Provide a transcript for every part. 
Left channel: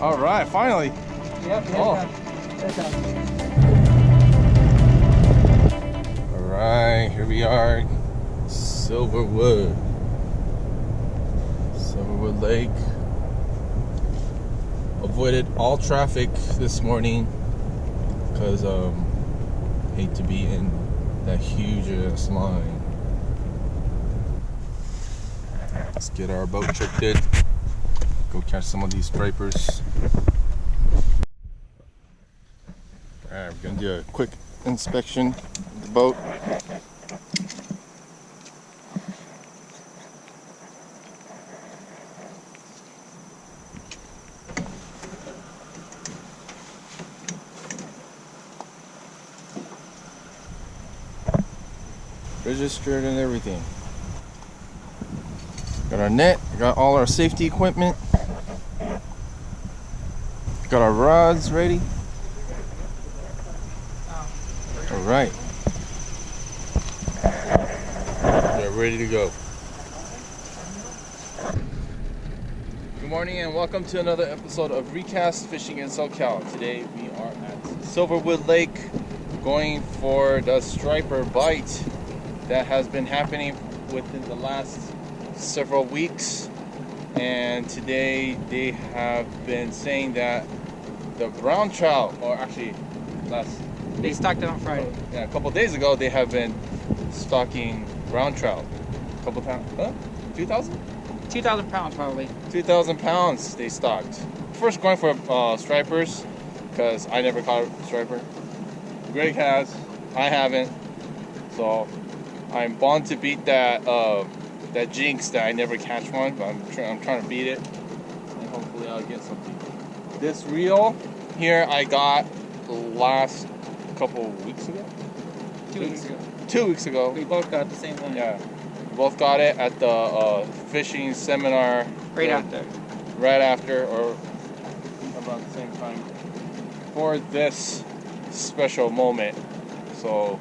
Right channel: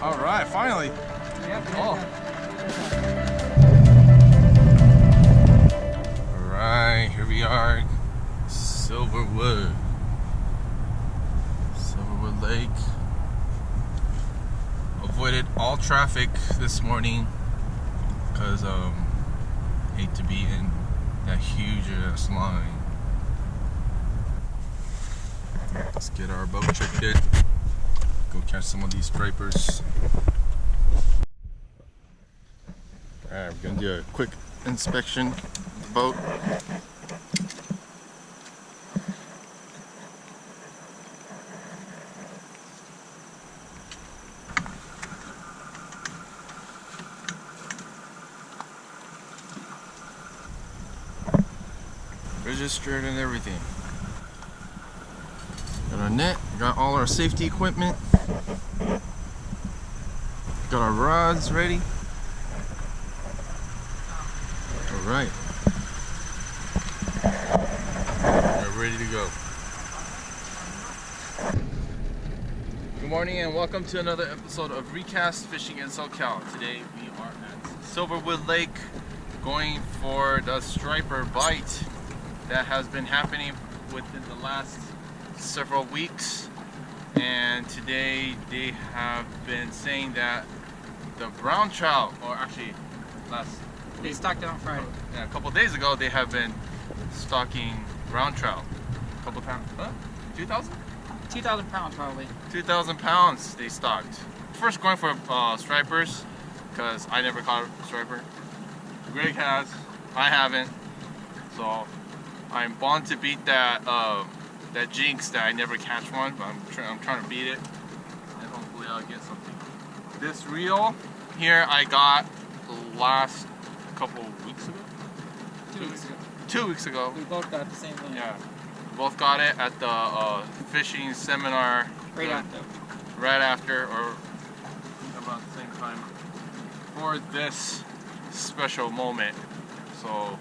All right, finally. Yep. Oh. All right, here we are, Silverwood Lake. Avoided all traffic this morning because hate to be in that huge ass line. Let's get our boat checked in. Go catch some of these stripers. Alright, we're gonna do a quick inspection of the boat. Registered and everything. Got our net, got all our safety equipment. Got our rods ready. All right. You're ready to go. Good morning and welcome to another episode of ReCast Fishing in SoCal. Today we are at Silverwood Lake going for the striper bite that has been happening within the last several weeks, and today they have been saying that the brown trout, or actually they stocked it on Friday. Yeah, a couple days ago they have been stocking brown trout. A couple pounds, 2,000? 2,000 pounds probably. 2,000 pounds they stocked. First going for stripers because I never caught a striper. Greg has, I haven't, so I'm bound to beat that that jinx that I never catch one, but I'm trying to beat it, and hopefully I'll get something. This reel here I got last couple weeks ago. 2 weeks ago. 2 weeks ago. We both got the same one. Yeah, we both got it at the fishing seminar. Right after. Right after, or about the same time, for this special moment. So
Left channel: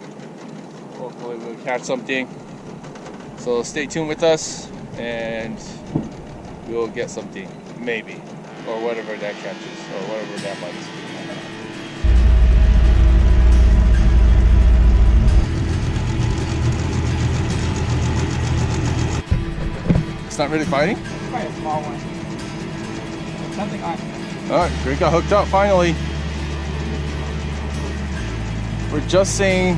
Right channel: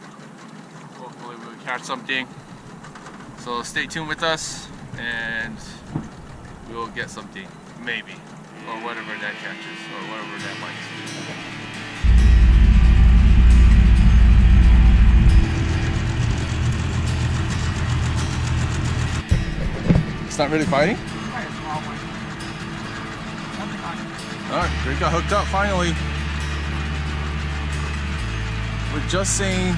hopefully we'll catch something. So stay tuned with us and we'll get something, maybe, or whatever that catches, or whatever that bites. It's not really fighting? It's probably a small one. Something on it. Alright, Greg got hooked up finally. We're just saying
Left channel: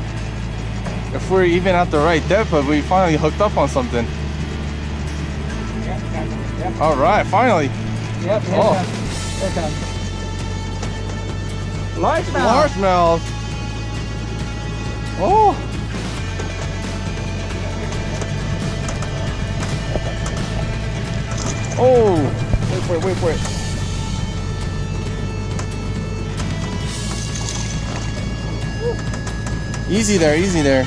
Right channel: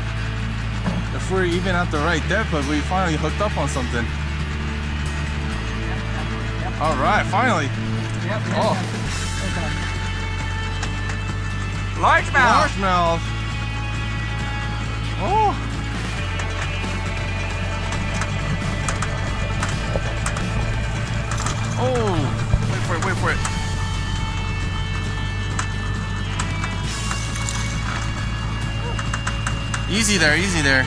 if we're even at the right depth, but we finally hooked up on something. Yep. All right, finally. Yep. Oh. Largemouth. Largemouth. Oh. Oh. Wait for it, wait for it. Easy there, easy there.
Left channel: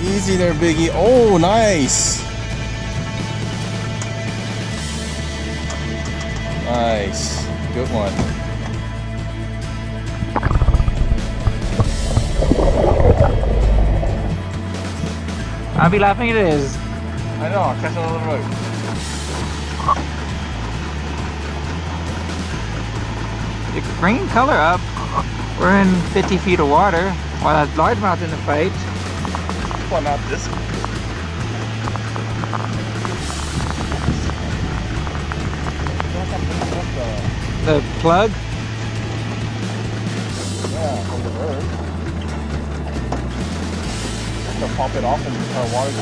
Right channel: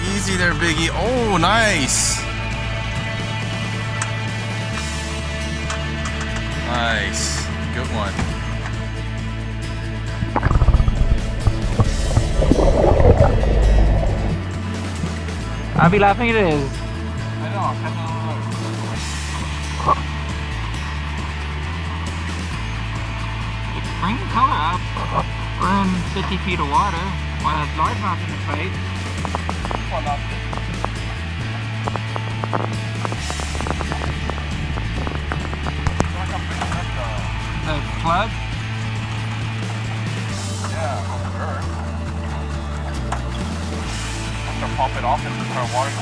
Easy there, Biggie. Oh, nice. Nice. Good one. I'll be laughing it is. I know, I'll catch on the road. It's bringing color up. We're in 50 feet of water. While that largemouth in the fight. Well, not this one. The plug. Yeah, for the bird. I'm gonna pop it off and just try water.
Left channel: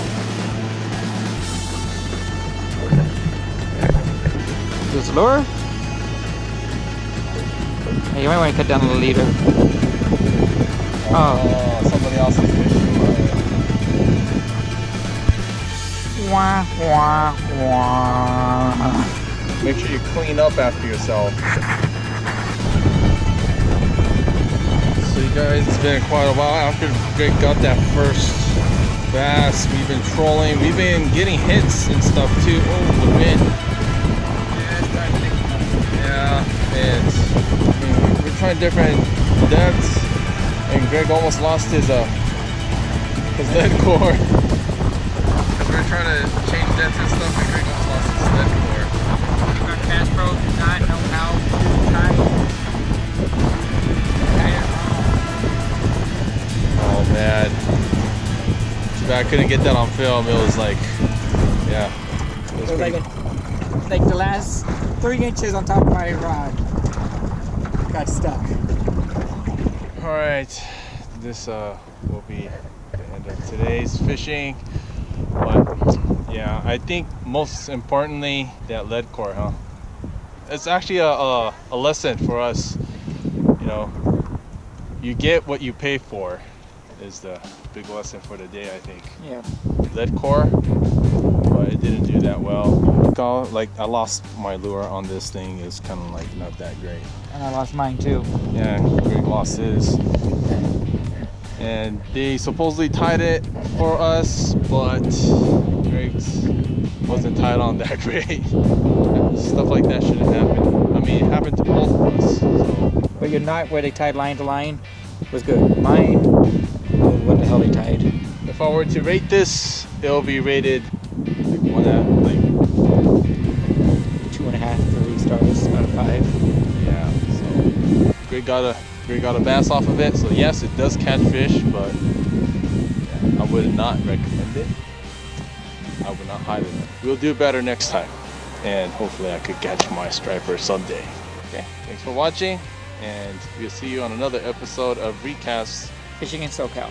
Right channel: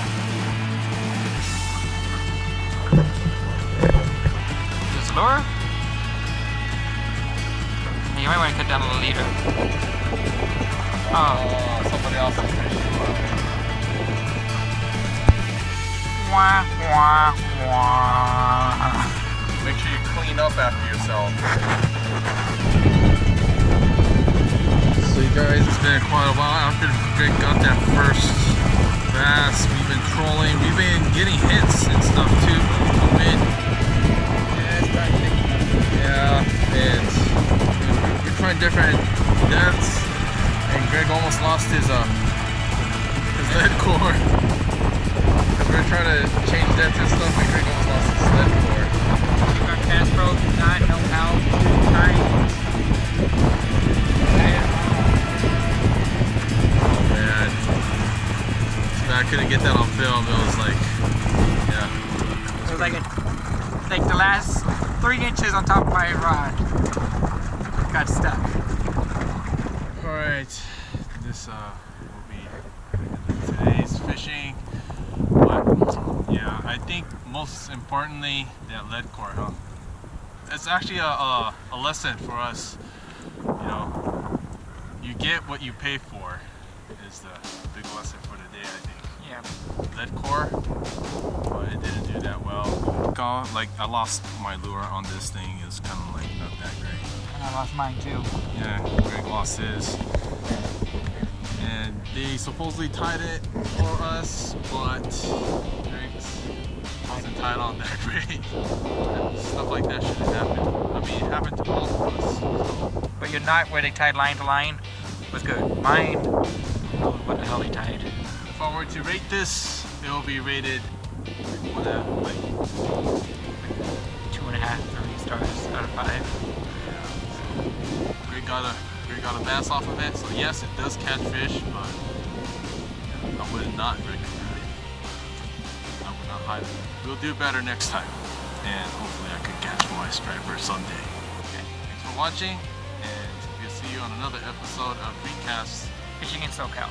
This lure. Hey, you might want to cut down the leader. Oh. Somebody else is fishing. Wah, wah, wah. Make sure you clean up after yourself. So you guys, it's been quite a while after Greg got that first bass. We've been trolling. We've been getting hits and stuff too. Oh, the wind. Yeah, it's starting to pick up. Yeah, and we're trying different depths. And Greg almost lost his lead core. Because we're trying to change depths and stuff, and Greg almost lost his lead core. Our BassPro did not know couldn't get that on film. It was like, yeah. It was like the last 3 inches on top of my rod got stuck. All right, this will be the end of today's fishing. But yeah, I think most importantly, that lead core, huh? It's actually a lesson for us. You know, you get what you pay for is the big lesson for the day, I think. Yeah. Lead core, but it didn't do that well. Like I lost my lure on this thing. It's kind of like not that great. And I lost mine too. Yeah, Greg lost his. And they supposedly tied it for us, but Greg's wasn't tied on that great. Stuff like that shouldn't happen. I mean, it happened to both of us. So. But your knot where they tied line to line was good. Mine, oh, what the hell they tied. If I were to rate this, it'll be rated like 2.5, 3 stars out of 5. Yeah. So Greg got a bass off of it. So yes, it does catch fish, but yeah, I would not recommend it. I would not highly. We'll do better next time, and hopefully I could catch my striper someday. Okay. Thanks for watching, and we'll see you on another episode of ReCast Fishing in SoCal.